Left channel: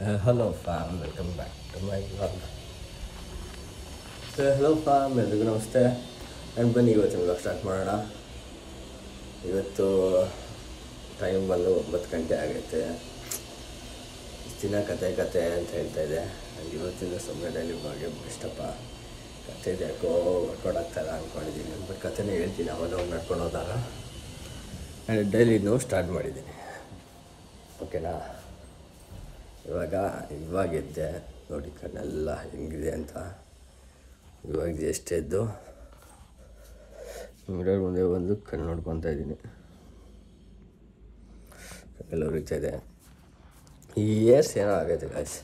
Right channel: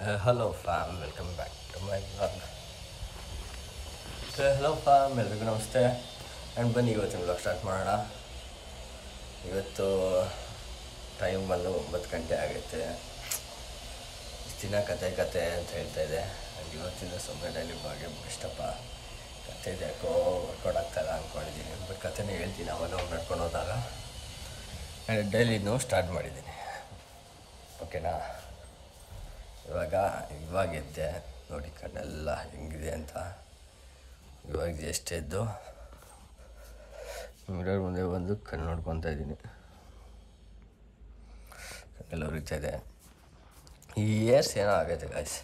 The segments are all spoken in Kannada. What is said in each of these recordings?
Hello fam, welcome back to my vlog. Hello fam, ಎಲ್ರಿಗೂ ನಮಸ್ತೆ. ಆ್ಯಂಡ್ ಬನ್ನಿ ಇವತ್ತಿನ ವ್ಲಾಗ್ ಸ್ಟಾರ್ಟ್ ಮಾಡೋಣ. ಇವತ್ತು ಟೈಮ್ ಬಂದು 9 ಗಂಟೆ ಆಗೈತೆ. ಇಷ್ಟು ದಿನ ಕತೆ ಅಂತ ಹೇಳ್ತಾ ಇದೆ. ಆ್ಯಂಡ್ ಇವತ್ತಿಂದ ಸುಮ್ಮನೆ ಡೈಲಿ ವ್ಲಾಗ್ಗೆ ಇಷ್ಟಪ್ಪ. ಕತೆ ಇದೆ ಯಾಕೋ ವರ್ಕೌಟ್ ಆಗ್ತಾಯಿಲ್ಲ ಅಂದ್ಕೊಂಡಿದ್ದೀನಿ. ಬಟ್ ಕತೆನೇ ಹೇಳ್ತೀನಿ ಅವಾಗ ನಡ್ಕೊಂಡು ಹೋದಾಗ. ಆ್ಯಂಡ್ ಡೈಲಿನೂ ಸ್ಟಾರ್ಟ್ ಮಾಡಿದ್ದೀನಿ. ಓಕೆನಾ? ಇವಾಗ ಎದ್ದೆ ನೋಡಿ, ಕಣ್ಣೆಲ್ಲ ಹೆಂಗಿದೆ ಅಂತ. ಇವಾಗ ಎಷ್ಟೇ ಎದ್ದು ಮಿರರ್ ಮುಂದೆ ಬಂದು ಕಣ್ಣು ನೋಡ್ಕೊತಾ ಇದ್ದೀನಿ. ಎಲ್ಲ ಉರಿತಾ ಇದೆ. ಈ ಏರ್ಸ್ ಏನೋ ಆಗೈತೆ ಗಾಯ್ಸ್.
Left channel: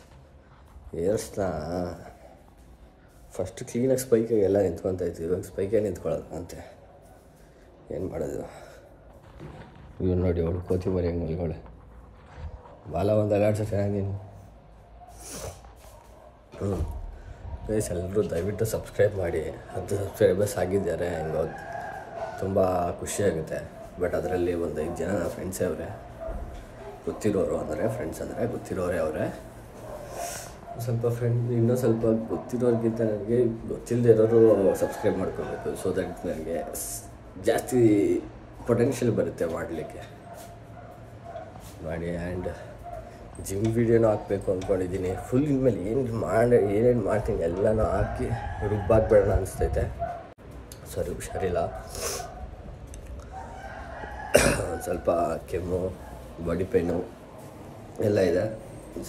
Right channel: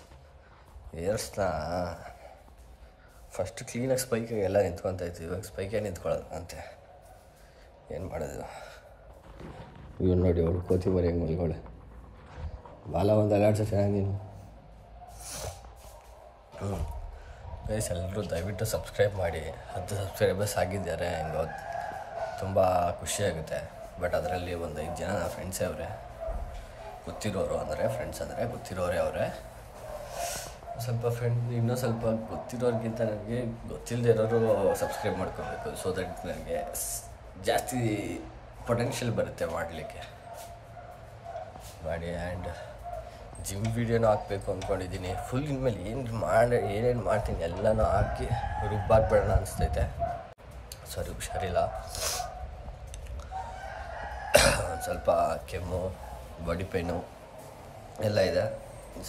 ಏರ್ಸ್ನ ಫಸ್ಟ್ ಕ್ಲೀನಾಗಿ ಸ್ಪೈಕಾಗಿ ಎಲ್ಲ ನಿಂತ್ಕೊತಾ ಇತ್ತು. ಇವಾಗ ಸ್ಪೈಕೇ ನಿಂತ್ಕೊಳ್ಳೋದಂತೆ. ಏನು ಮಾಡೋದು? ಇವ್ರು ನೋಡಿ, ಅವಳು ಕೋತಿ ಮರಿ ಹೆಂಗೆ ಮಲ್ಗೋಳೆ. ಬಾಲ ಒಂದು ಅಲಾಡ್ಸೋ ಚೆನ್ನಾಗಿ ನೀನು. ಗೈಸ್, ಎಲ್ಲರೂ ದಯವಿಟ್ಟು ಸಬ್ಸ್ಕ್ರೈಬ್ ಮಾಡಿ. 10 ಸಬ್ಸ್ಕ್ರೈಬರ್ಸ್ ಆಗಿದ್ದಾರೆ. ಹೆಂಗೋ ತುಂಬ ಖುಷಿಯಾಗುತ್ತೆ. ಬಟ್ ಅದರಲ್ಲಿ ಒಂದು 5 ಜನ ನನ್ನ ಫ್ರೆಂಡ್ಸೇ ಅವರೇ, ಗೊತ್ತಿರೋರು. ಅಂದರೆ ಫ್ರೆಂಡ್ಸ್ ಅಂದರೆ ಗೊತ್ತಿರೋರೇ ಅವರೇ. ಸ್ವಲ್ಪ ಇನ್ನೂ ಸ್ವಲ್ಪ ಗೊತ್ತಿರೋರಿಗಿಂತ ನನಗೆ ಗೊತ್ತಿಲ್ಲದೆ ಇರೋರು ಸಬ್ಸ್ಕ್ರೈಬ್ ಮಾಡ್ಕೋಬೇಕು. ಸೊ ದಟ್ ನನಗೆ ಜಾಸ್ತಿ ಪೊಟೆನ್ಷಿಯಲ್ ಬರುತ್ತೆ ಮಾಡಲಿಕ್ಕೆ. ಮಾಡಿ. ಆ್ಯಂಡ್ ಜಿಮ್ ವೀಡಿಯೋನೂ ಹಾಕಬೇಕು ಅಂದ್ಕೊಂಡಿದ್ದೀನಿ. ಫುಲ್ ಇನ್ಮೇಲೆ ಏನೇನು ಮಾಡ್ತೀನಿ ಎಲ್ಲನೂ ಹಾಕಿ ರುಬ್ಬಾಕ್ಬೇಡೋಣ ಅನಿಸ್ತೈತೆ. ಸಾರಿ, ಹುಷಾರಿಲ್ಲ. ಒಂದು ಸ್ವಲ್ಪ ಕೆಮ್ಮು, ಬಾಡಿ ಪೇನು ಎಲ್ಲ ಇದೆ.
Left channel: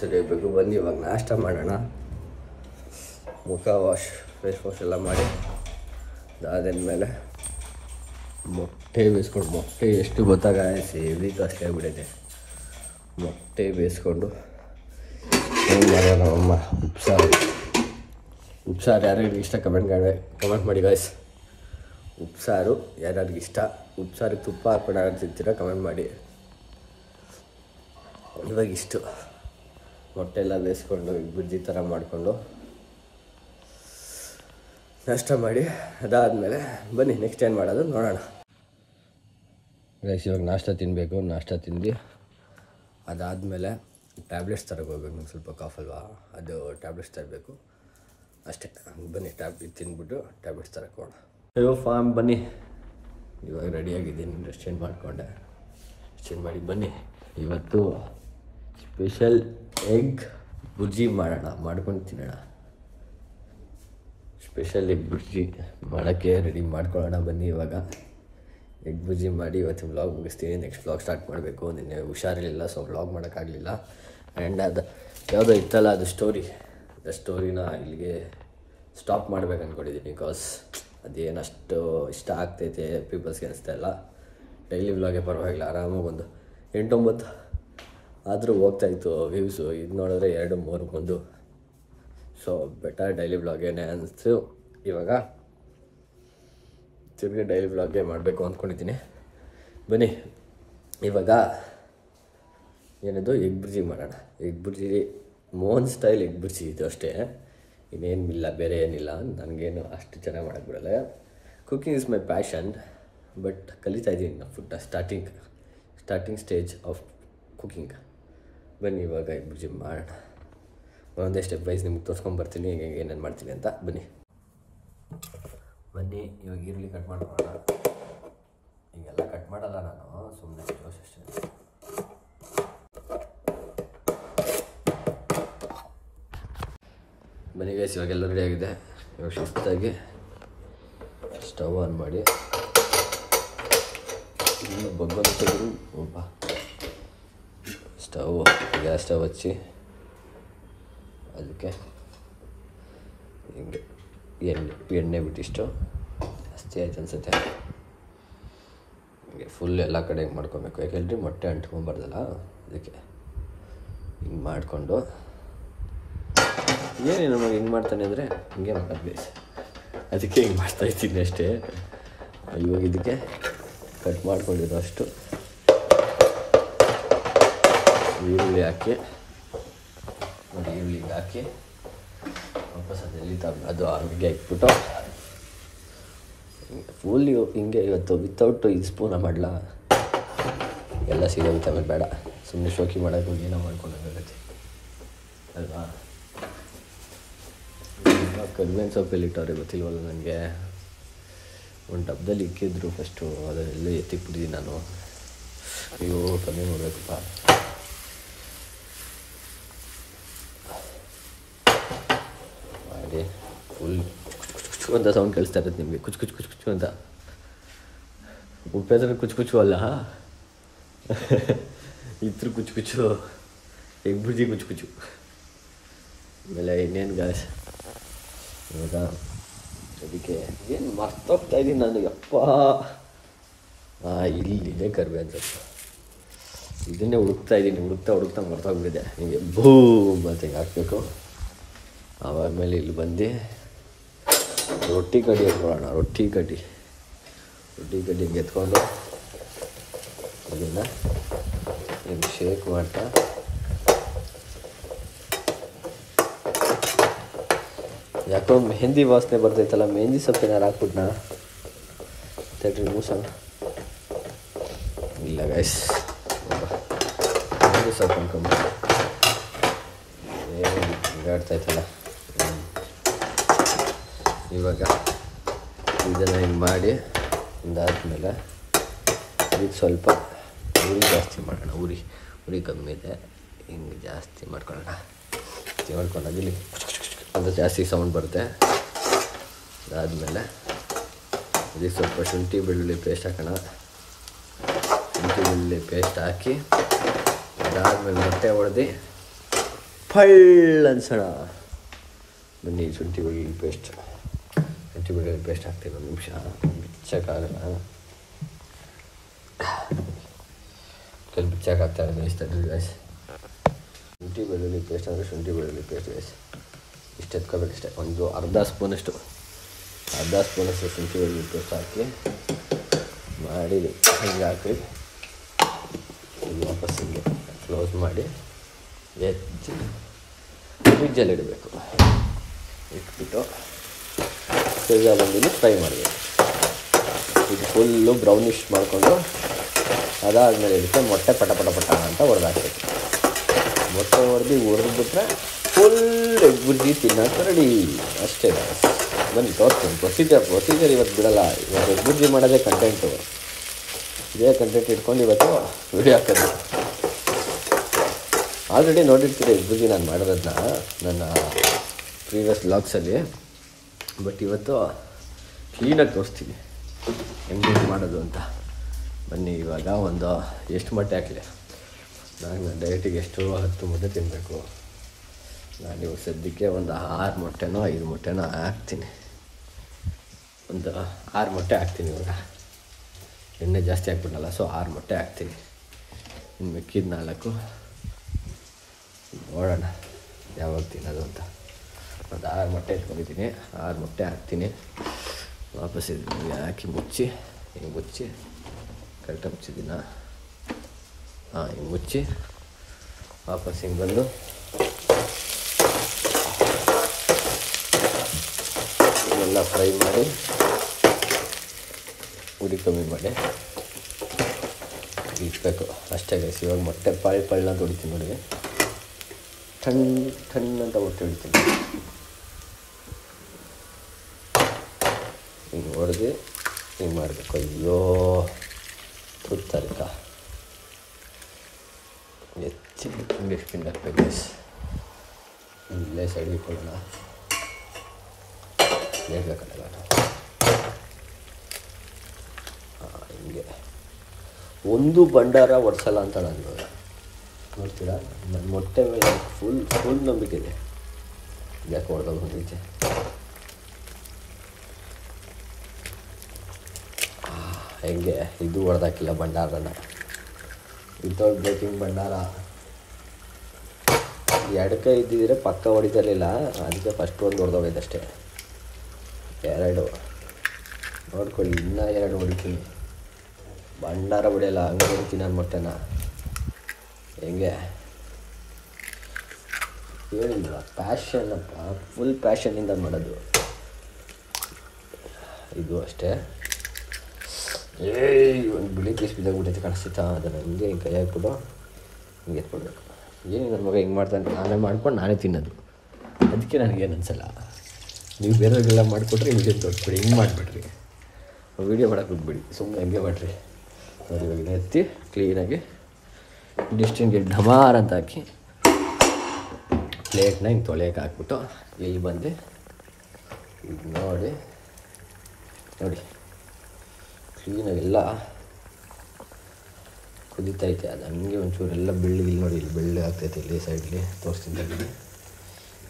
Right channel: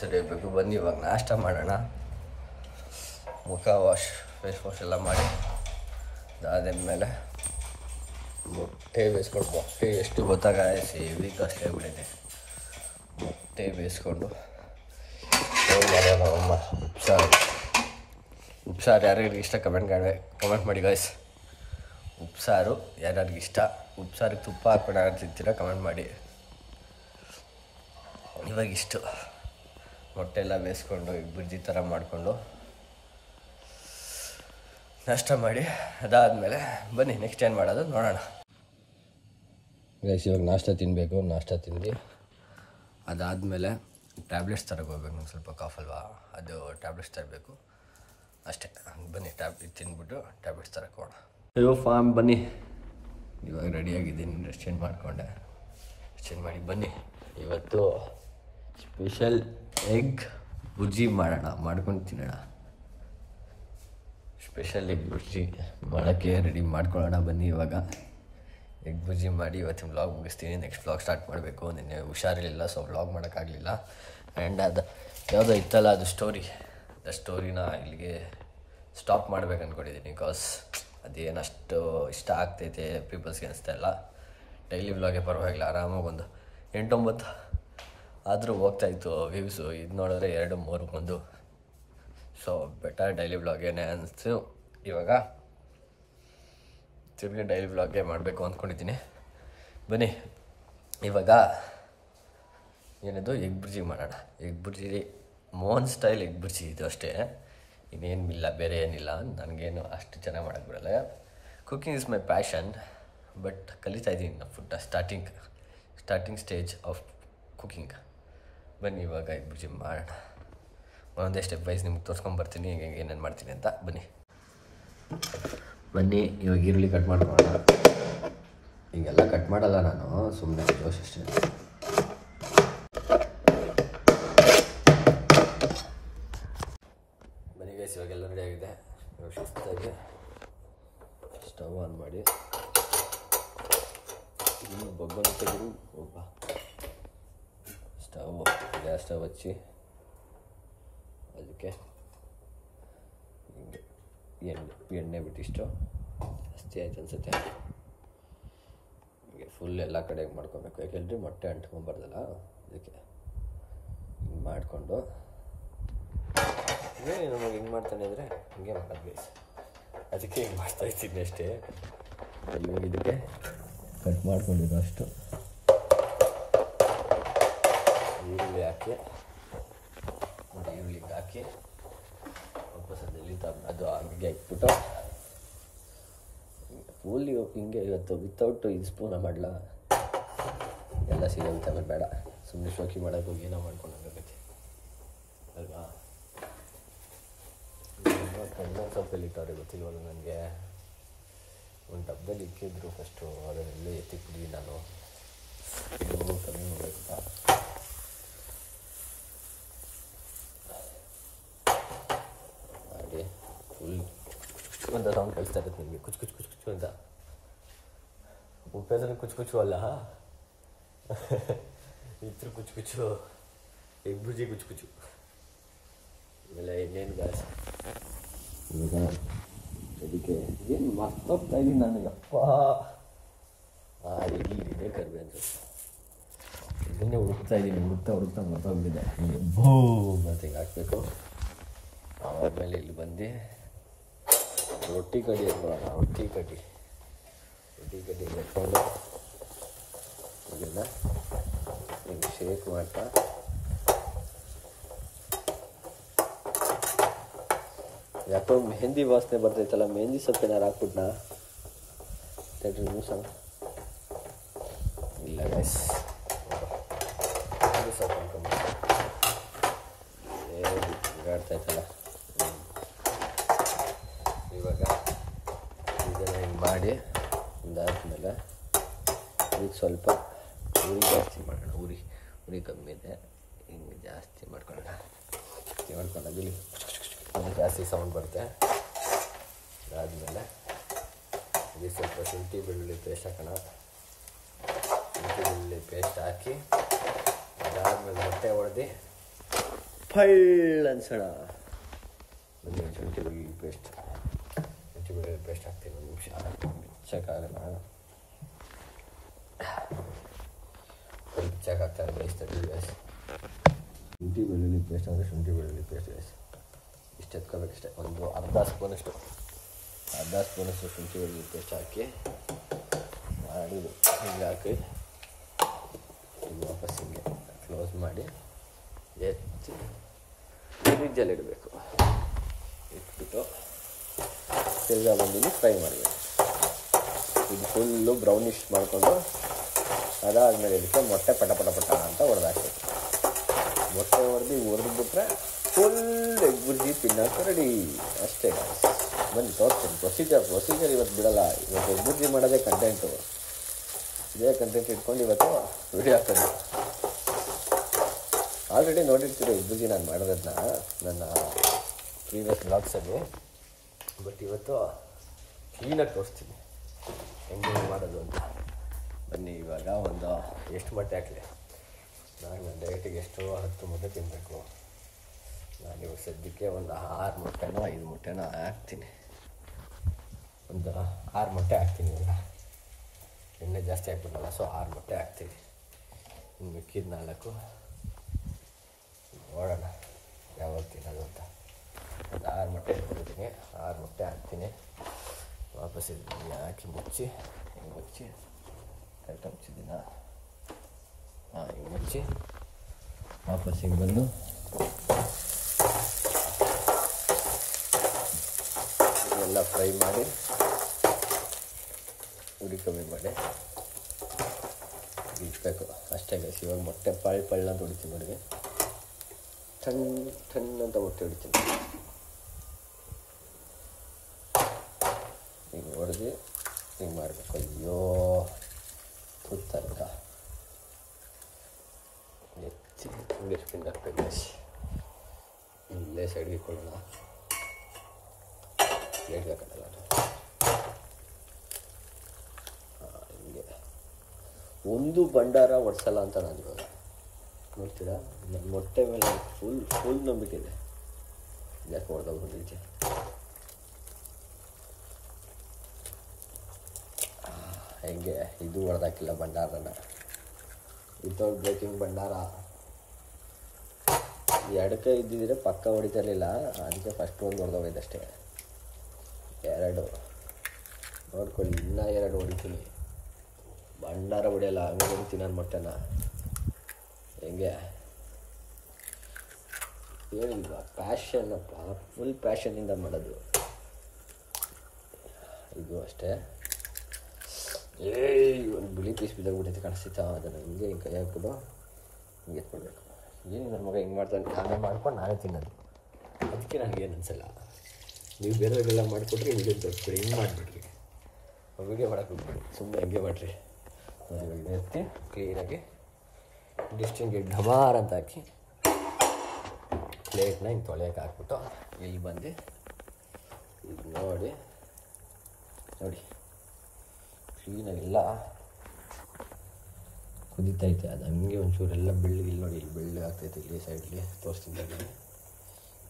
ಸರಿ ಬೇಕು. ಬನ್ನಿ ಇವಾಗ ನಾಷ್ಟ ಮಾಡೋಣ. ಮುಖ ಫೇಸ್ ವಾಶ್ ಎಲ್ಲ ಮಾಡಿ ಅದಾದ್ಮೇಲೆ ಮೊಟ್ಟೆ ಬೇಯಿಸ್ಕೊಂಡು, ಮೊಟ್ಟೆ ಎಷ್ಟು ಗೊತ್ತಾಗಲ್ಲ, ಸೇವಿ ಕಾಸ್ಟ್ ಆಗಿಬಿಟ್ಟಿದೆ. ಮೊಟ್ಟೆ ಬೇಯಿಸ್ಕೊಂಡು ಏನು ಮಾಡೋಣ? ಉಪ್ಸಾರು ಯಾರ್ಯಾರಿಗೆ ಇಷ್ಟ ಕಮೆಂಟ್ ಮಾಡಿ ಗಾಯ್ಸ್. ಉಪ್ಸಾರು ಯಾರ್ಯಾರಿಗೆ ಇಷ್ಟ, ಉಪ್ಸಾರಿಗೆ ತುಪ್ಪ ಹಾಕ್ಕೊಂಡು ಯಾರು ತಿಂತೀರ ಕಮೆಂಟ್ ಮಾಡಿ. ಇವಾಗ ಇಷ್ಟು ಮೊಟ್ಟೆ ಎಲ್ಲ ಬೇಯಿಸ್ಕೊಂಡು ಈಗ ಬುಜ್ಜಿ ಥರ ಮಾಡಿಕೊಂಡು ನಾಷ್ಟ ಮಾಡಿ ಅದಾದಮೇಲೆ ಬನ್ನಿ ನೆಕ್ಸ್ಟ್ ಏನು ಮಾಡೋದು ನೋಡೋಣ. ಗೈಸ್, ಇವಾಗ ನಾಷ್ಟ ತಿನ್ನಬೇಕು. ನಾಷ್ಟ ತಿಂದು ಅದಾದಮೇಲೆ ಟ್ಯಾಬ್ಲೆಟ್ಸ್ ತರಕ್ಕೆ ಹೋಗ್ಬೇಕು. ನಂಗೆ ಸ್ವಲ್ಪ ಕಾಫ್ ಅಲ್ವಾ, ಅದು ಟ್ಯಾಬ್ಲೆಟ್ಸ್ ತರಬೇಕು ಅಷ್ಟೇ. ಬನ್ನಿ ತಿಂದ್ಬಿಟ್ಟು ಟ್ಯಾಬ್ಲೆಟ್ಸ್ ತರಕ್ಕೆ ಹೋಗೋಣ. ಅಯ್ಯೋ ಫಾರ್ಮ್, ಬನ್ನಿ. ಇವಾಗ ರೆಡಿಯಾಗಿದ್ದೀನಿ. ಡ್ರೆಸ್ ಚೇಂಜ್ ಮಾಡಿಕೊಂಡೆ. ಚೇಂಜ್ ಮಾಡಿ ಬನ್ನಿ. ಇವತ್ತು ಸ್ಪೆಷಲ್ ಎಗ್ ಬುರ್ಜಿ ಮಾಡ್ಕೊಂಡು ತಿನ್ನೋಣ. ಸ್ಪೆಷಲ್ ಎಗ್ ಬುರ್ಜಿ ಮಾಡೋಕ್ಕೆ ರೆಡಿ ಮಾಡ್ಕೊಳ್ಳೋಣ. ಬನ್ನಿ ಇವಾಗ ಎಗ್ ಬುರ್ಜಿ ಮಾಡಿ ಇವತ್ತಿನ ವ್ಲಾಗ್ ಮುಗಿಸ್ತೀನಿ. ನೆಕ್ಸ್ಟ್ ವ್ಲಾಗ್ ಸ್ಟಾರ್ಟ್ ಮಾಡಬೇಕು. ನಿನ್ನೆ ಹುಷಾರಿರಲಿಲ್ಲ, ಸೊ ವ್ಲಾಗ್ ಮಾಡೋಕ್ಕಾಗಲಿಲ್ಲ. ಆ್ಯಂಡ್ ಅದು ಯಾವುದೋ ಇತ್ತಲ್ಲ, ಅದು ಸ್ಟೋರಿನ ಇಲ್ಲಿಗೆ ಸ್ಟಾಪ್ ಮಾಡ್ಬೇಕು ಅಂದ್ಕೊಂಡಿದ್ದೀನಿ. ಬಿಕಾಸ್ ಅದೇನಷ್ಟು ಇಷ್ಟ ಆಗ್ತೈತೆ ಪೀಪಲ್ಸ್ಗೆ ಅನಿಸ್ತಾ ಇಲ್ಲ. ಡೈಲಿ ವ್ಲಾಗೇ ಪರವಾಗಿಲ್ಲ, ಆರಾಮಾಗಿ ಒಂದು 8-9 ಆದರೂ ಹೋಗ್ತಾಯಿತ್ತು ವ್ಯೂಸು. ಇದು ನೋಡಿದ್ರೆ 2-3 ಬಂದು. ಸೊ ಬೆಟರ್ ಡೈಲಿ ವ್ಲಾಗೇನೆ ಅನಿಸ್ತು. ಇವಾಗ ತಿರುಗಿ ಡೈಲಿ ವ್ಲಾಗೇ ಮಾಡಬೇಕು ಅಂದ್ಕೊಂಡಿದ್ದೀನಿ. ಬನ್ನಿ ಇವಾಗ ಏನಿದು ಎಗ್ ಬುರ್ಜಿ ಮಾಡೋಣ. Egg bhurji Mohan style egg bhurji ಇದು ಅಷ್ಟೇ, ಇನ್ನೇನಿಲ್ಲ, ಬೇರೆ ಏನಿಲ್ಲ. ನನಗೇನು ಅಷ್ಟು ಚೆನ್ನಾಗಿ ಮಾಡೋಕ್ಕೆ ಬಿಡಲ್ಲ. Cooking is my passion. But ಕಲಿತಾ ಇದ್ದೀನಿ food starting stage of cooking. ಬನ್ನಿ ಇವಾಗ ಎಗ್ ಬುರ್ಜಿ ಮಾಡೋಣ. ಒಂದೇ ಸ್ಟೆಪ್ ವೈಸ್ ನಿಮ್ಗೆ ತೋರಿಸ್ಕೊಂಬರ್ತೀನಿ ಹೇಗೆ ಏನೇನು ಮಾಡ್ತೀನಿ ಅಂತ. ಬನ್ನಿ ಇವಾಗ ಈರುಳ್ಳಿ ಕಟ್ ಮಾಡ್ಕೊಳ್ಳೋಣ. ಹೀಗೆಲ್ಲ ಕಟ್ ಮಾಡಲ್ಲ ನಾನು, ಸುಮ್ಮನೆ ಜೋಶ್ ಅಷ್ಟೇ. ಬನ್ನಿ ಗೈಸ್, ಇವಾಗೆಲ್ಲ ರೆಡಿ ಆಗಿದೆ. ಇವಾಗ ಶಿಸ್ತಾಗಿ ಸ್ಟವ್ ಆನ್ ಮಾಡಿ ಬಗ್ಗೊಂಡು ಗ್ಯಾಸ್ ಸ್ಟವ್ ಹಚ್ಚಿ ಅದಕ್ಕೆ ಹಿಂಗೆ ಎಣ್ಣೆ ಬಿಟ್ಟಿಷ್ಟು ಜಾಸ್ತಿ ಆಯ್ತು ಅನಿಸುತ್ತೆ. ಹಿಂಗೆ ಫುಲ್ ಎಲ್ಲ ಕಡೆ ಹಿಂಗೆ ಮಾಡ್ಕೊಬೇಕು. ಯಾಕೆಲ್ರಿ ಮೊಟ್ಟೆ ಅಂಟ್ಕೊಂಬಾರ್ದಲ್ಲ, ಅದಕ್ಕೆ ಹಿಂಗೆ ಮಾಡಿಕೊಂಡು. ಏನೇನು ನಮಗೆ ಹಿಂಗೆ ಮಾಡ್ತಾನೆ ಅಂದರೆ ಹಿಂಗೆ ಮಾಡೋದು, ಅದಕ್ಕೆ ಹಿಂಗೆ ಮಾಡ್ತಾಯಿದ್ದೀನಿ ಅಷ್ಟೇ. ಇವಾಗ ಇದಕ್ಕೆ ಕಟ್ ಮಾಡ್ಕೊಂಡಿರೋ ಅಷ್ಟು ಈರುಳ್ಳಿ ಹಾಕಿ ನೋಡಿ, ಈರುಳ್ಳಿಗೆ ಹಾಕಿ ವಾಪಸ್ ಅದೆಲ್ಲಿ ಅದು ಹಂಗೆ ಇಟ್ಬಿಟ್ಟು ಫುಲ್ ಹಿಂಗೆ. ಇವತ್ತು ವಿತೌಟ್ ಇದು ಸ್ಪೂನ ಮಾಡಲ, ಎಲ್ಲ ಸೀದೋಗುತ್ತೆ. ಆಮೇಲೆ ಬೇಡ, ಸುಮ್ಮನೆ ಶೋಕಿ ಮಾಡೋಕ್ಕೆ ಏನೋ ಮಾಡ್ಕೊಂಡಾಗುತ್ತೆ. ಕರಿಬೇವಿನ ಸೊಪ್ಪಲ್ಲಿ ಇಟ್ಟವ್ರೆ ಗೊತ್ತಿಲ್ವಲ್ಲ ನನಗೆ. ಒಂದು ಡಬ್ಬದಲ್ಲಿ ಇಕ್ಕಿದ್ರು ಫಸ್ಟು, ಅದನ್ನೆಲ್ಲ ಎತ್ತಿಕ್ಬಿಟ್ಟಿದ್ದೀನಿ ನಾನು. ಅಯ್ಯೋ ಕಮ್ಮಿ ಮಾಡಬೇಕಪ್ಪ. ಮಾಡಿ ಫುಲ್ ಕುಚ್ಚು ಅಂತ ಸೌಂಡ್ ಕೇಳಿಸ್ತಾ ಇರುತ್ತೆ ನಿಮಗೆ, ಕುಚ್ಚು ಕುಚ್ಚು ಕುಚ್ಚು ಕುಚ್ಚು ಅಂತ. ಉಪ್ಪೆದ್ರೆ ಕುಚ್ಚು ಕುಚ್ಚು ಅಲ್ಲ, ಇತ್ರ ಕುಚ್ಚು ಕುಚ್ಚು, ಎಗ್ ಬುರ್ಜಿ ಕುಚ್ಚು ಕುಚ್ಚು. ಆಮೇಲೆ ಇನ್ನೇನು ಗಾಸ್ ಇವಾಗ ಅದಕ್ಕೆ ಏನು ಮರ್ತೋಗ್ತಾ ಇದ್ದೀನಿ ನಾನು. ಯಪ್ಪ ಇಲ್ಲಿದೆ ಕರಿಬೇವಿನ ಸೊಪ್ಪು. ಇದನ್ನೇ ಹುಡುಕ್ತಾ ಇದ್ದೀನಿ, ಹುಡುಕ್ತಾ ಮರ್ತೋಗ್ಬಿಟ್ಟಿದೆ. ಹಿಂಗೆ ಬೂಮ್ ಅಂತ ಹಿಂಗೆ ಹಾಕಬೇಕು. ಆಮೇಲೆ ಇಲ್ಲಿ ಬಂದು ರೊಟ್ಟಿ ಕಡ್ಡಿ ಎತ್ಕೊಳ್ಳೋಣ. ರೊಟ್ಟಿ ಕಡ್ಡಿ ಹಿಂಗೆ ಎತ್ಕೊಂಡು ಅದನ್ನು ಹಿಂಗೆ ಶೇಕ್ ಮಾಡ್ತಾ ಯಾಕೋ ಮೆಹಂದಿ ವಾಸನೆ ಬರ್ತೈತಲ್ಲ, ಮೆಹಂದಿ ಸೊಪ್ಪು ಏನಾರು ಹಾಕ್ಬಿಟ್ನಾ ತಡ್ರಿ ಮೂಸಣ. ಇಲ್ಲ ಗೈಸ್, ಮೆಹಂದಿ ಸೊಪ್ಪು ಅನ್ಕೊಂಬ ಹಿಂಗಾಡ್ತಾಯ್ತಲ್ಲ. ಇವಾಗ ಇದನ್ನು ಹಿಂಗೆ ಮಾಡಿ ಇದಾದ್ಮೇಲೆ ಇದಕ್ಕೆ ಸ್ವಲ್ಪ ಉರಿ ಜಾಸ್ತಿ ಮಾಡೋಣ. ಉರಿ ಕಮ್ಮಿ ಇದೆ, ಹಿಂಗೆ ಜಾಸ್ತಿ ಮಾಡ್ಕೊಳ್ಳೋಣ. ಮಾಡ್ಕೊಂಡಾಗ ಇಲ್ಲಿ ಅದು ಜಾಸ್ತಿ ಸೌಂಡ್ ಬರುತ್ತೆ. ಅದಾದಮೇಲೆ ಇದಕ್ಕೆ ಸ್ವಲ್ಪ ಶುಂಠಿ ಬೆಳ್ಳುಳ್ಳಿ ಪೇಸ್ಟ್ ಹಾಕೋಣ. ಶುಂಠಿ ಬೆಳ್ಳುಳ್ಳಿ ಪೇಸ್ಟ್ ಹಾಕಿ ಅದಾದಮೇಲೆ ಮೊಟ್ಟೆ ಹೊಡೆದು ಫಳ್ಳ ಅನ್ಸೋಣ. ಬನ್ನಿ ಶುಂಠಿ ಬೆಳ್ಳುಳ್ಳಿ ಪೇಸ್ಟ್ ಹಾಕ್ತೀನಿ. ಒಂದು ನಿಮಿಷ ಬಿಚ್ಚಕ್ಕಾಗಲ್ಲ, ಸ್ವಲ್ಪ ಬಿಚ್ಚಾಕಾಗ್ತಾರೆ ಮೇಯಿಸ್ತಾರೆ ಗೈಸ್. ಶುಂಠಿ ಬೆಳ್ಳುಳ್ಳಿ ಪೇಸ್ಟ್ ಅಂದರೆ ಶುಂಠಿ ಬೆಳ್ಳುಳ್ಳಿ ಪೇಸ್ಟ್ ಗೈಸ್ ಇಷ್ಟು ಎತ್ಕೋಬೇಕಷ್ಟೆ. ಒಂದು ಅರ್ಧ ಸ್ಪೂನಷ್ಟು ಶುಂಠಿ ಬೆಳ್ಳುಳ್ಳಿ ಪೇಸ್ಟ್ ಹಾಕಿ ಮಾಡಿ ಹಿಂಗೆ ಹಾಕಿ ವಾಪಸ್ ಹಿಂಗೆ ಕ್ಲೋಸ್ ಮಾಡಿ ಎತ್ತಿ ಫ್ರಿಜ್ಜಲ್ಲಿ ಇಡಬೇಕು. ಇಟ್ಬಿಟ್ಟು ಪಿಜ್ಜಾ ಬಂದಿದ್ದು ಫ್ರೈ ಮಾಡಬೇಕು. ಇದು ಫುಲ್ಲು ಬ್ರೌನಿಶ್ ಮಾಡಿಕೊಂಡು ಅದಾದಮೇಲೆ ಇದಕ್ಕೆ ಮೊಟ್ಟೆ ಪಟ ಅಂತ ಹೊಡೆದಾಕ್ಬೇಕು. ಮೊಟ್ಟೆ ಹೊಡೆದ್ಬಿಟ್ರೆ ಫುಲ್ ಎಗ್ ಬುರ್ಜಿ ತಿನ್ನೋಕೆ ರೆಡಿ. ಅಷ್ಟೇ ಬನ್ನಿ ತೋರಿಸ್ತೀನಿ ಪ್ರೊಸೀಜರ್ ಇವತ್ತು ಬಿಡಲ್ಲ. ಇವತ್ತು ಎಗ್ ಬುರ್ಜಿ ಮಾಡೋದೇ ಕಂಟೆಂಟು. ಇದೇ ಕಂಟೆಂಟ್ ಇಟ್ಕೊಂಡು ಇವತ್ತು ವಿಡಿಯೋ ಹಾಕೋದು. ಆಲ್ರೆಡಿ ನೋಡಿರ್ತೀರಿ ಎಗ್ ಬುರ್ಜಿ ನಾನು ಮಾಡೋದನ್ನ ನನ್ನ ಪ್ರೀವಿಯಸ್ ವ್ಲಾಗ್ಸಲ್ಲಿ. ಬಟ್ ಇವತ್ತು ಕ್ಲೀನಾಗಿ ತೋರಿಸ್ತೀನಿ ಹೆಂಗೆ ಮಾಡೋದು ಅಂತ. ಬನ್ನಿ ಇವಾಗ ಒಂದು ಎಷ್ಟು ಮೊಟ್ಟೆ ಹಾಕಲಿ. ನಾನು ಡೈರೆಕ್ಟಿಗೆ ಎಷ್ಟು 10 ಮೊಟ್ಟೆ ತಿನ್ನಬೇಕು. ನಾನು ಇವಾಗ ಸದ್ಯಕ್ಕೆ ಒಂದು 6 ಮೊಟ್ಟೆನೋ 5 ಮೊಟ್ಟೆನೋ ಹಾಕ್ತೀನಿ. ಒಂದು 6 ಮೊಟ್ಟೆ ಹಾಕ್ತೀನಿ ಇವಾಗ. ಎಣ್ಣೆ ಜಾಸ್ತಿ ಹಾಕ್ಬಿಡಲ್ಲ, ಸೊ 6 ಮೊಟ್ಟೆ ಹಾಕ್ತೀನಿ. ಇನ್ನು ಮಿಕ್ಕಿದ 4 ನೋಡೋಣ ಯಾವಾಗ ತಿನ್ನೋದು ಅಂತ. ಒಂದು 6 ಮೊಟ್ಟೆ ಇಟ್ಕೊಂಡಿದ್ದೀನಿ. 6 ಮೊಟ್ಟೆ ಹಾಕ್ತೀನಿ. ವಾಪಸ್ ಇದನ್ನು ಹಾಕಿ ಮುಚ್ಚಿ ಕರೆಕ್ಟಾಗಿ ಮುಚ್ಚಿದ್ದೀನ. ಹಿಂಗೆ ಮುಚ್ಚಿ ವಾಪಸ್ ಹಿಂಗೆ ಬಂದು ಎಲ್ಲ ಫ್ರೈ ಮಾಡಿ ಉರಿ ಕಮ್ಮಿ ಮಾಡಿ ಇಟ್ಬೇಕು ಅಷ್ಟೇ ಗೈಸ್. ಇವಾಗ ಮೊಟ್ಟೆ ಪಳ್ಳ ಅಂತ ಹೊಡಿತೀನಿ ನೋಡಿ. ಟಣ್ ಅಂತ ಮೊಟ್ಟೆ ಹೊಡಿತೀನಿ. ಹಿಂಗೆ ಹೊಡೆದು ಹಿಂಗೆ ಮಾಡಬೇಕು. ಅಯ್ಯೋ ತುರ್ತಾರಕ್ಕ ಎತ್ತಿ ಹಿಂಗೆ ಸ್ಪಿನ್ ಹಾಕ್ಬೇಕು ಗೈಸ್. ಇಲ್ಲೇ ಸೈಡ್ಗೆ ಇಟ್ಕೊಳ್ಳೋಣ. ಬೇಕಲ್ಲ ಹಿಂಗೆ ಒಂದು ಭಂಡಾರ ಒಡ್ಸಲ್ಲ ಅಂತ ನಾನು ಇವಾಗ ನೋಡ್ತೀರಾ. ನನ್ನ ಮೊಟ್ಟೆ ಮೇಲೆ ಫುಲ್ ನಂಬಿಕೆ ಇದೆ. ಯಾಕೆ ಹೊಡೆದಾಗ ಹೊಂದಿದ್ದೆ. ಹೆಂಗೆ ಇದು ಹೊಡೆದಾಕಿಲ್ಲ ಭಂಡಾರನ, ವಿತೌಟ್ ಬ್ರೇಕಿಂಗ್ ಭಂಡಾರ. ಎಡಕ್ಕೆ ಇದ್ದಿದ್ರೆ ಪಕ್ಕ ಹೊಡಿತಿರ್ಲಿಲ್ಲ, ಅದಕ್ಕೆ ಫಸ್ಟ್ ಒಂದು ಹೊಡೆದೋಗೈತಷ್ಟೇ. 2 ನೋಡ್ಕೊಳ್ಳಿ, ಇನ್ನೂ 2 ಹೊಡಿತೀನಿ. ಭಂಡಾರ ಹೊಡೆಯಲ್ಲ, ಹಂಗೆ ಹೊಡಿತೀನಿ ನನ್ನ ಮೊಟ್ಟೆನ. ಹೆಂಗೆ ಹೇಳಿಲ್ವ, ಪ್ಯಾಷನ್ನಪ್ಪ, ಫುಲ್ ಪ್ಯಾಷನ್ನಿಂದ ಮಾಡೋದು ಇದು ಅಷ್ಟೇ. ಒಂದು ಬಿಳಿ ಪೀಸ್ ಬಿದ್ದಾಗ್ಬಿಟ್ಟೈತೆ ಕಾಣಿಸ್ತಾ. ಅದನ್ನು ಹಿಂಗೆ ಕೈ ಹಾಕ್ಬಿಟ್ಟು ಹಿಂಗೆ ಎತ್ಕೊಳ್ಬೇಕು. ಏನು ನನ್ನ ಮಗ ಹಿಂಗೆ ಮಾಡ್ತಾನೆ, ನಾನು ಮಾಡ್ಕೊಂಡು ನಾನೇ ತಿನ್ನೋದು. ಅದಕ್ಕೆ ನನಗೇನು ಅನಿಸಲ್ಲ. ನೀವು ಬೇರೆಯವ್ರಿಗೆಲ್ಲ ಮಾಡಿಕೊಟ್ರೆ ವೀಡಿಯೋ ತೋರಿಸ್ಬಿಡಿ, ಹಿಂಗೆ ಮಾಡಿಬಿಡ್ರಿ. ವೀಡಿಯೋ ಮಾಡೋಕೆ ಹೋಗ್ಬಿಡಿ, ಸುಮ್ಮನೆ ಹಂಗೆ ಮಾಡಿರಿ. ನೋಡಿ ಇವಾಗ ಎತ್ತಿ ಕ್ಲೀನಾಗಿ ಡಿಸ್ಟಿನ್ಗೆ ಢಮಾರ್ ಅಂತ ಹಾಕಿ ಪ್ಲೇಟ್ನ ಹಿಂಗೆ ತೊಳೆಯೋಕೆ ಹಾಕ್ಬಿಟ್ಟು ಇಲ್ಲಿ ಬಂದು ಈಗ ನೋಡಿ ಕ್ಲೀನಾಗೆಲ್ಲ ಕುದೀತೈತೆ. ಅದು ಹಂಗೆ ಒಂಚೂರೆಲ್ಲ ಬೆಳ್ಳಗೆ ಇಲ್ಲಿ ನೋಡಿ, ಇಲ್ಲಿ ಬೆಳ್ಳಗೆ ಆಗ್ತೈತೆ. ಇಲ್ಲಿ ಸೈಡ್ಲಿ ತೋರಿಸ್ತಿದ್ದಲ್ಲಿ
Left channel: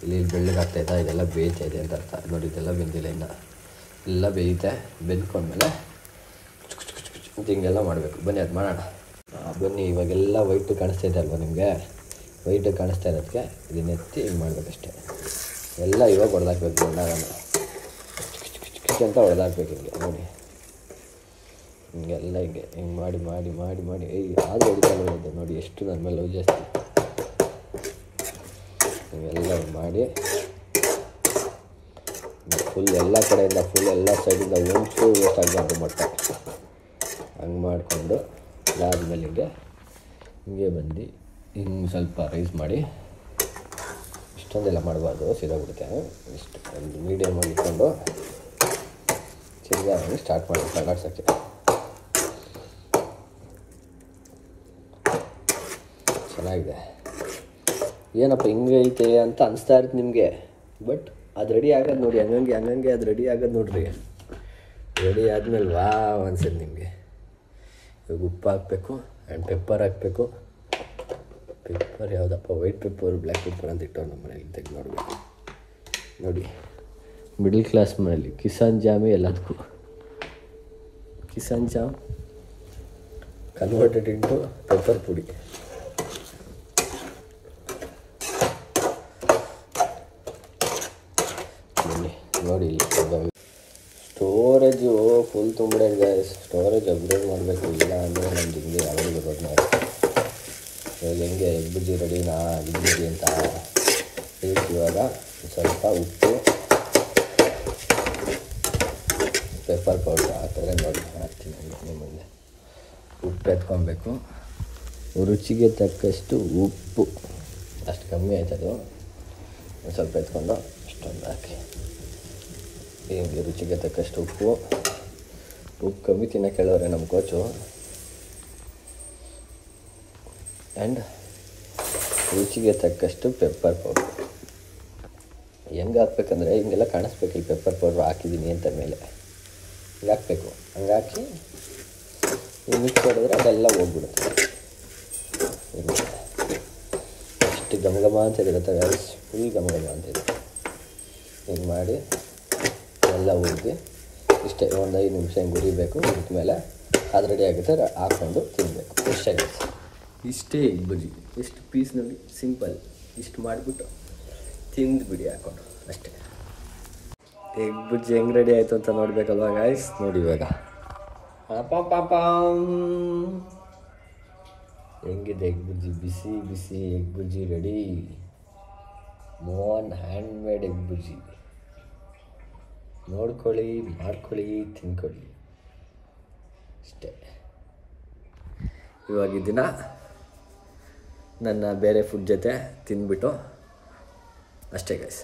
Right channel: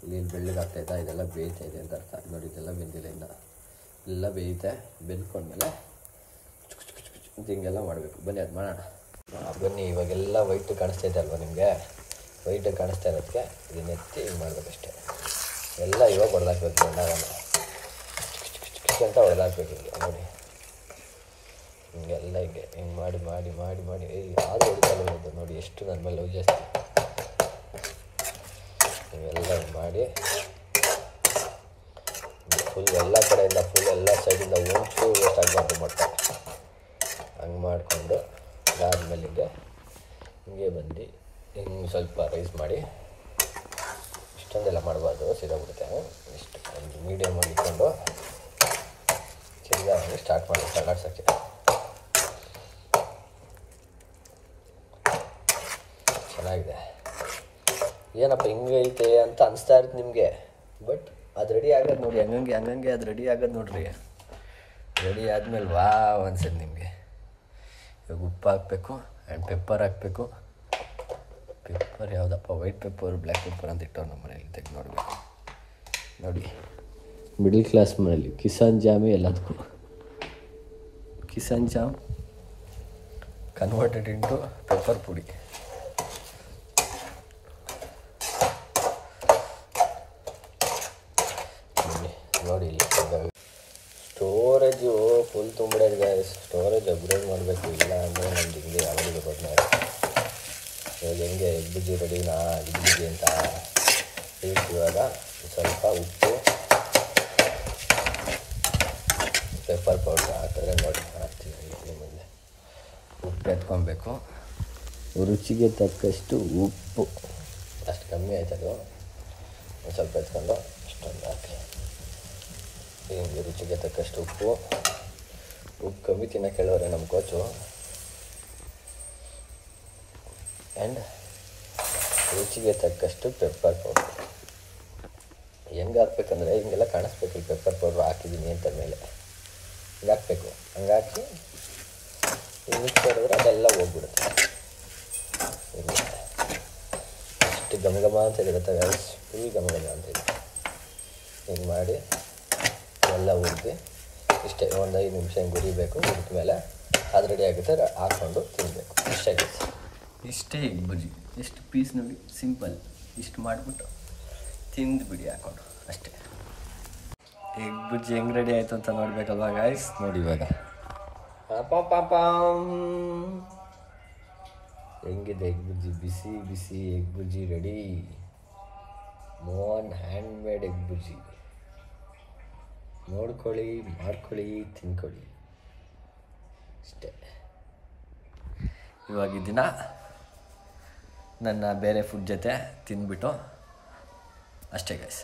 ಇಲ್ಲಿ ಬೆಳ್ಳಗೆ ಆಗ್ತಾಯಿತಾ, ಇದೆಲ್ಲ ಬೇಯ್ತಾಯಿದೆ ಅಂತ ಅರ್ಥ. ನೋಡಿ ಇದೆಲ್ಲ ಬೆಂದಿಲ್ಲ, ಇನ್ನು ಎಲ್ಲ ಬೇಯುತ್ತೆ. ಬೆಂದ್ಕೊಂಡ್ಮೇಲೆ ಅಂತ ಹಿಂಗೆಲ್ಲ ಮಾಡಬೇಕು. ಬನ್ನಿ ಅದು ಮಾಡೋಣ. ಬನ್ನಿ ಇವಾಗೆಲ್ಲ ವೈಟ್ ಕಾಣಿಸ್ತಾ ಇದೆ ಅಲ್ವಾ ನಿಮಗೆ? ವೈಟ್ ಕಾಣಿಸ್ತಾ ಇರೋದಕ್ಕೆ ಇದನ್ನ ಎತ್ತಿ ಹಿಂಗೆ ಮಾಡಬೇಕಷ್ಟೆ. ಎಲ್ಲ ಇವಾಗ ಹೊಡೆದಾಕ್ಬೇಕು, ಎಲ್ಲ ಅಂತ ಹೊಡೆದಾಕ್ಬೇಕು. ಹಿಂಗೆ ನೋಡಿ, ಹಿಂಗೆಲ್ಲ ಹಿಂಗೆ ಮಾಡಿ ಮಾಡಿ ಮಾಡಿ ಮಾಡಿ ಹಾಲು ಹೊಡಿತಾ ನೋಡಿ ಎಷ್ಟು ನನ್ನ ಮೇಲೆ ಲವ್ ಜಾಸ್ತಿ. ಹಿಂಗೆಲ್ಲ ಮಾಡಿ ಫುಲ್ ಎಲ್ಲ ಕಡೆಯಿಂದ ಫುಲ್ ಎಲ್ಲ ಸೈಡಿಂದ ಒಂಚೂರು ವೇಸ್ಟ್ ಆಗಬಾರ್ದು ಮಾಡ್ತಾರೆ. ಹಂಗೆ ಮಾಡಿಕೊಂಡು ಅದಾದಮೇಲೆ ಹಿಂಗೆ ಬಂದು ಹಿಂಗೆ ಸ್ವಲ್ಪ ರೈಸ್ ಮಾಡಿ, ಇಷ್ಟೊಂದೆಲ್ಲ ಮಾಡಬಾರ್ದು, ಸಿಗೋಗ್ಬಿಡುತ್ತೆ. ಇಷ್ಟು ಒಂದು ಮೀಡಿಯಮ್ ಮಾಡಿಕೊಂಡು ತಿರ್ಗಿ ಸ್ಟಾರ್ಟ್ ಮಾಡಿ ತಗಾಡ್ಸೋಕ್ಕೆ. ಚೆನ್ನಾಗಿದೆ. ಏನಪ್ಪ ಹಿಂಗೆ ಐತೆ ಅಂತ ಅನಿಸ್ತಾ ಇರುತ್ತೆ ನಿಮಗೆ, ಬಟ್ ಅದು ರೆಡಿ ಆಗೋದು ನೋಡಿ, ಹಂಗಂಗೆ ಅದು ರೆಡಿ ಆಗೋದು ನೋಡ್ರಿ. ರೆಡಿ ಆದಮೇಲೆ ವಾವ್ ಅನ್ಸೋದು ನಿಮಗೆ. ಇವಾಗ ಉಪ್ಪು ಹಾಕಬೇಕು ಆ್ಯಂಡ್ ಪೆಪ್ಪರ್ ಹಾಕಬೇಕು. ಪೆಪ್ಪರ್ ಯಾವುದಪ್ಪ, ವೈಟ್ ಪೆಪ್ಪರ್ ಬ್ಲ್ಯಾಕ್ ಪೆಪ್ಪರ್ ಅಂತ ಇಟ್ಟವ್ರು ನಮ್ಮ ಮನೇಲಿ, ತೆಗೆದು ನೋಡಬೇಕು. ನೋಡಿ ಮಿಡಲ್ ಕ್ಲಾಸ್ ಮನೇಲಿ ಕಿಸಾನ್ ಜಾಮೇ ಎಲ್ಲದಕ್ಕೂ. Kisan jam converted into pepper ಪುಡಿ. ನೋಡಿ ಸ್ಟೋರೇಜು ಫುಲ್ ತುಂಬಿದೆ. ಸ್ಟೋರೇಜ್ ಅಪ್ಡೇಟ್ ಮಾಡಬೇಕು. ಇಲ್ಲ ಅಂದರೆ ಒಂದು ಹಿಂಗೆ ನೋಡಿರ್ಬೋದು ಎಲ್ಲ ಹಿಂಗೆ ಬುಜ್ಜಿ ರೆಡಿನಾ ಬುಜ್ಜಿ ಅಂತ. ಇವಾಗ ಸ್ವಲ್ಪ ಉಪ್ಪು ಪೆಪ್ಪರ್ ಪೌಡರ್ ಹಾಕ್ತಾರೆ ಮಾಡ್ತೀನಿ. ಉಪ್ಪು ಎತ್ಕೊಬೇಕು. ರುಚಿಗೆ ತಕ್ಕಷ್ಟು ಉಪ್ಪು, ಅಷ್ಟು ಕಮ್ಮಿ ಆಯ್ತದು. ಸ್ವಲ್ಪ ಎತ್ಕೊಂಡು ಇಷ್ಟೊಂದು ಹಾಕಿ ರುಚಿಗೆ ತಕ್ಕಷ್ಟು ಉಪ್ಪು ಕಮ್ಮಿ ತಿನ್ನೋಕೆ ಹೇಳೋರೆ ನಮ್ಮ ಕೋಚು. ಆ್ಯಂಡ್ ರುಚಿಗೆ ತಕ್ಕಷ್ಟು ಪೆಪ್ಪರ್ ಪೌಡರ್. ಹೆಂಗೆ ಹಾಕ್ಬೇಕಂದ್ರೆ ಹಿಂಗೆಲ್ಲ ಕಾಣಿಸ್ಬೇಕು, ಈ ಪೆಪ್ಪರ್ ಪೌಡ್ರ್ ಹಾಕಿದ್ದೀನಿ ಅಂತ ಮೇಲೆ ಹಿಂಗೆ ಹಾಕಬೇಕು. ಹಂಗೆ ಹಾಕಿ ಮಿಕ್ಸ್ ಮಾಡಿದ್ರೆ ಅದೆಲ್ಲ ಹೋಗ್ಬಿಡುತ್ತೆ. ಅಷ್ಟು ಗಮಗಮ ಅಂತ ಇರುತ್ತೆ, ಫುಲ್ ಗಮಗಮ ಅಂತಿದೆ. ಹಿಂಗೆ ಮಾಡಿ ಎಲ್ಲ ಹೋಗಿ ಇಷ್ಟೇ ಒಂದು 5 ನಿಮಿಷ ಹಿಂಗೆ ಉರಿಬೇಕು. ಮೇಲೆ ಅದು ರೆಡಿ ಆಗುತ್ತೆ, ಹಾಕ್ಕೊಂಡು ತಿನ್ನಬೇಕು. ಫ್ರೆಶ್ ಆಗುತ್ತೆ. ಇಷ್ಟೇ ಎಗ್ ಬಜ್ಜಿ. ಎಷ್ಟು ಪೀಸ್ ನೋಡಿ, ಸಿಂಪಲ್. ಇಷ್ಟು ಮಾಡಿಬಿಟ್ಟು ತಿಂದುಬಿಡಿ ಹಾಕ್ಕೊಂಡು ಅಷ್ಟೇ. ಎಗ್ ಬಜ್ಜಿ ಹೆಂಗೆ ರೆಡಿ ಆಯಿತು ಅಂತ ನೋಡಬೇಕಲ್ವ ಗಾಯ್ಸ್? ನೋಡಿ ಇವಾಗ ಹೆಂಗಿದೆ ಎಗ್ ಬಜ್ಜಿ. ಬಿಸಿ ಬಿಸಿ egg bajji ready. Mohan hand made egg bajji. ನೋಡ್ಕೊಳ್ಳಿ, ಮಾಡ್ಕೊಳ್ಳಿ, ತಿನ್ಕೊಳ್ಳಿ ಅಷ್ಟೇ. ಇವಾಗ ದಿನ ನನ್ನ ಬೇರೆ ಫುಡ್ ಜೊತೆ ತಿಂದ್ಬಿಟ್ಟು ಅಷ್ಟೇ ಗೈಸ್.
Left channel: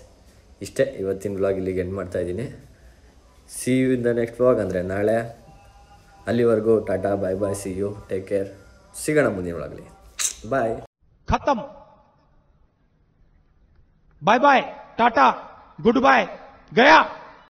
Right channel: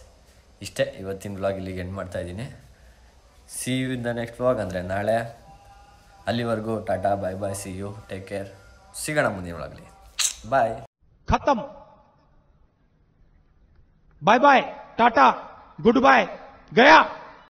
ಇಷ್ಟೇ ಇವತ್ತಿನ ವ್ಲಾಗ್ ಇಲ್ಲಿಗೆ ಎಂಡ್ ಮಾಡ್ತಾಯಿದ್ದೀನಿ. See you in the next vlog, ಅಂದರೆ ನಾಳೆ. ಅಲ್ಲಿವರೆಗೂ ಟಾಟಾ, bye bye, see you, take care. ಸಿಗೋಣ ಮುಂದಿನ ವ್ಲಾಗ್ಲಿ. ಬಾಯ್. ಖತಮ್. ಬಾಯ್ ಬಾಯ್, ಟಾಟಾ, ಗುಡ್ ಬಾಯ್, ಗಯಾ.